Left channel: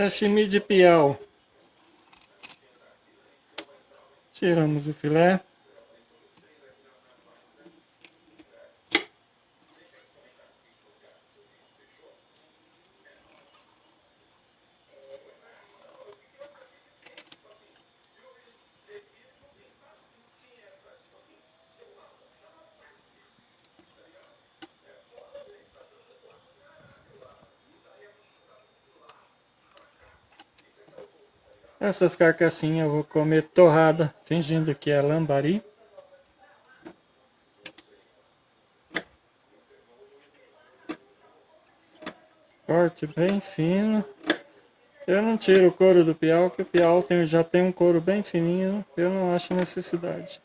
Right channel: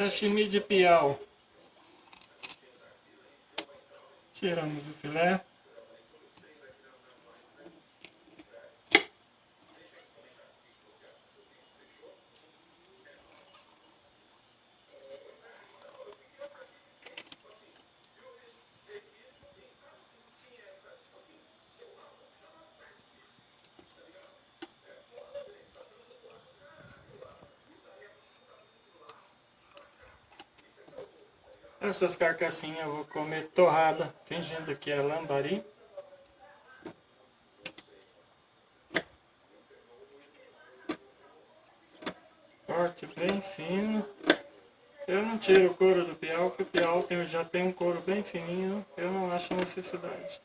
Sashimi de piau. Tiramos o filé. Essas carcassinhas eu vou comer torrada, fingindo que é lambari. Corte bem fino. Eu não tiro o couro do piau, porque o piau já tem um couro bem fininho. Eu não acho necessidade.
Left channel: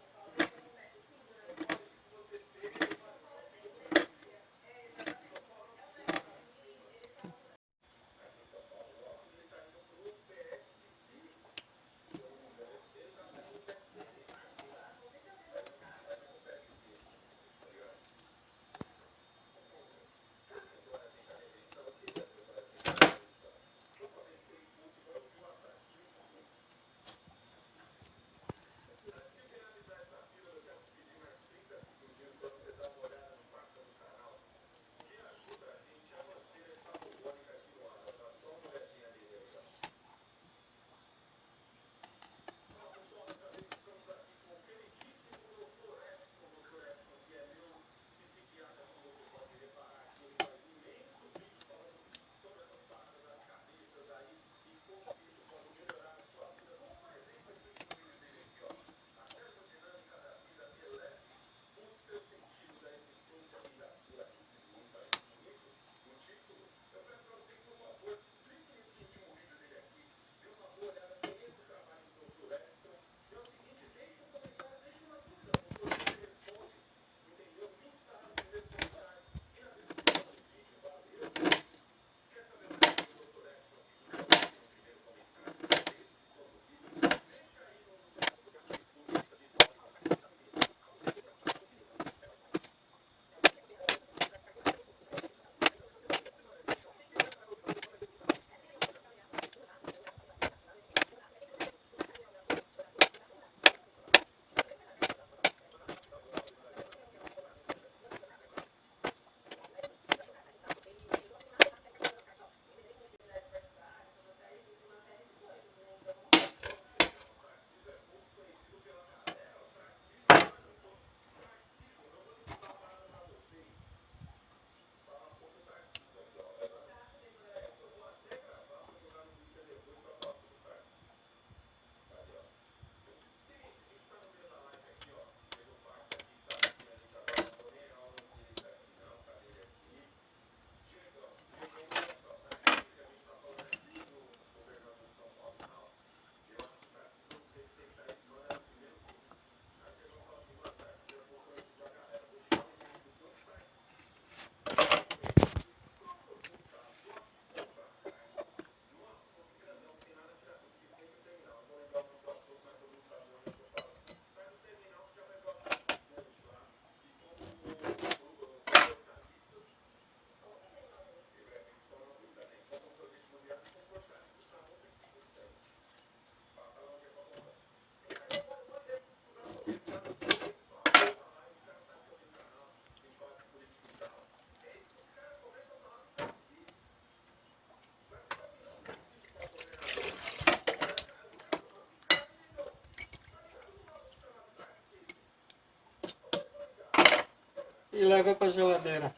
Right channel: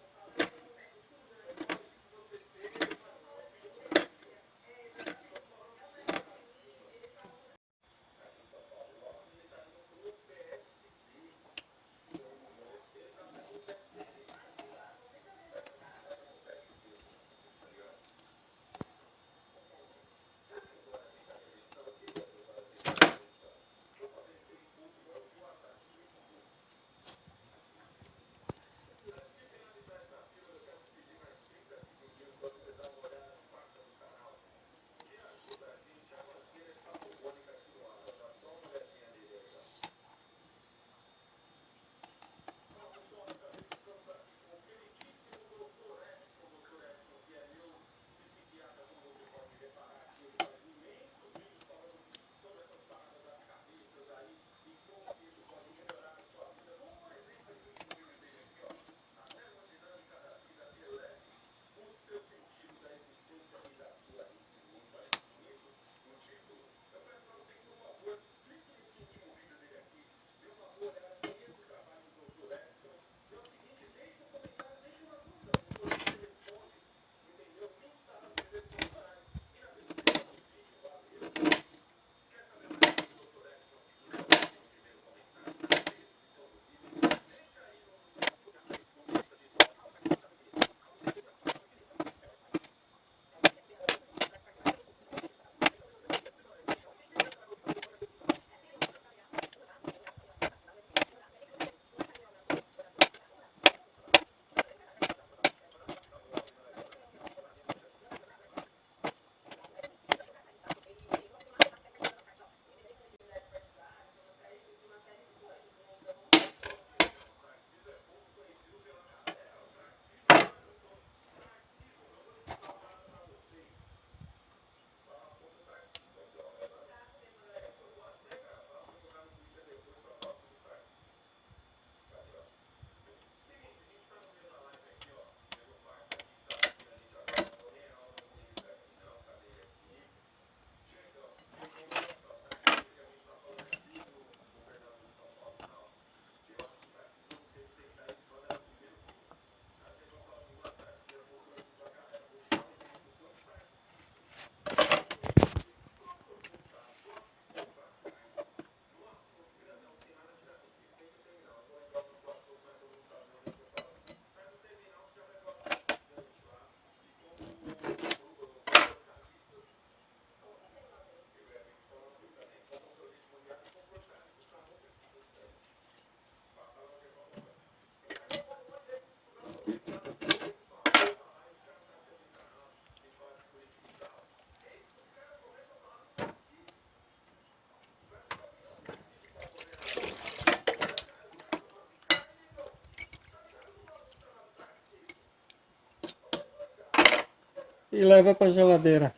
E leva para a geladeira.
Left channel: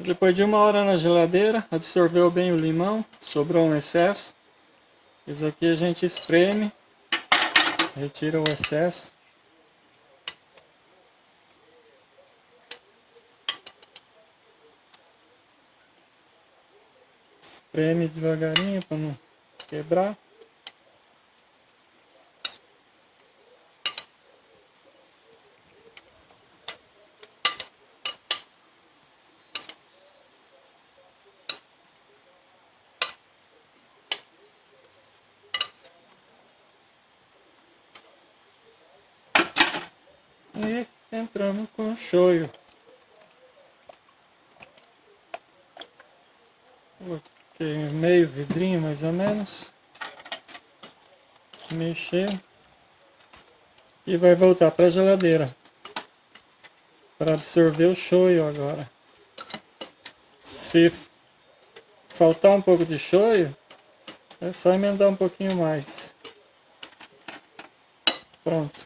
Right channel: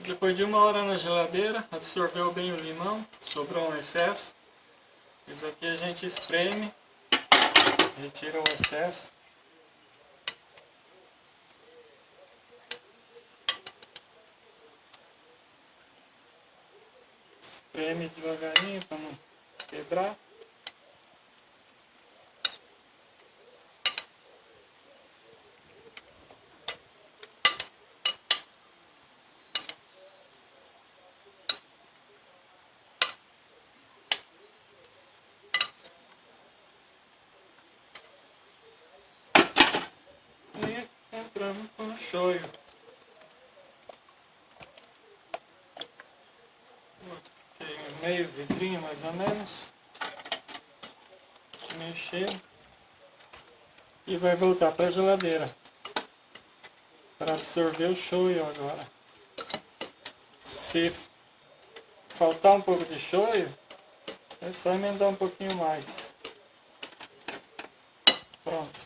Depois de 1 hora na geladeira, absorveu bem o limão, sobrou um excesso. Isso aqui a gente espreme, retira o excesso. Espreme devagarinho para não quebrar. E entramos com o shoyu. Tem meio vidrinho mais ou menos. Mexer. E vai voltar para a geladeira. Para absorver o shoyu agora. Se faltar um pouco de shoyu, é só emendar um pouquinho mais. Pronto.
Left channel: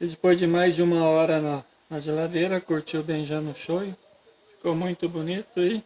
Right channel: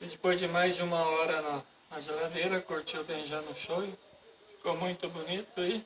E depois de mais de 1 hora na geladeira, curtiu bem já no shoyu. Ficou muito bonito e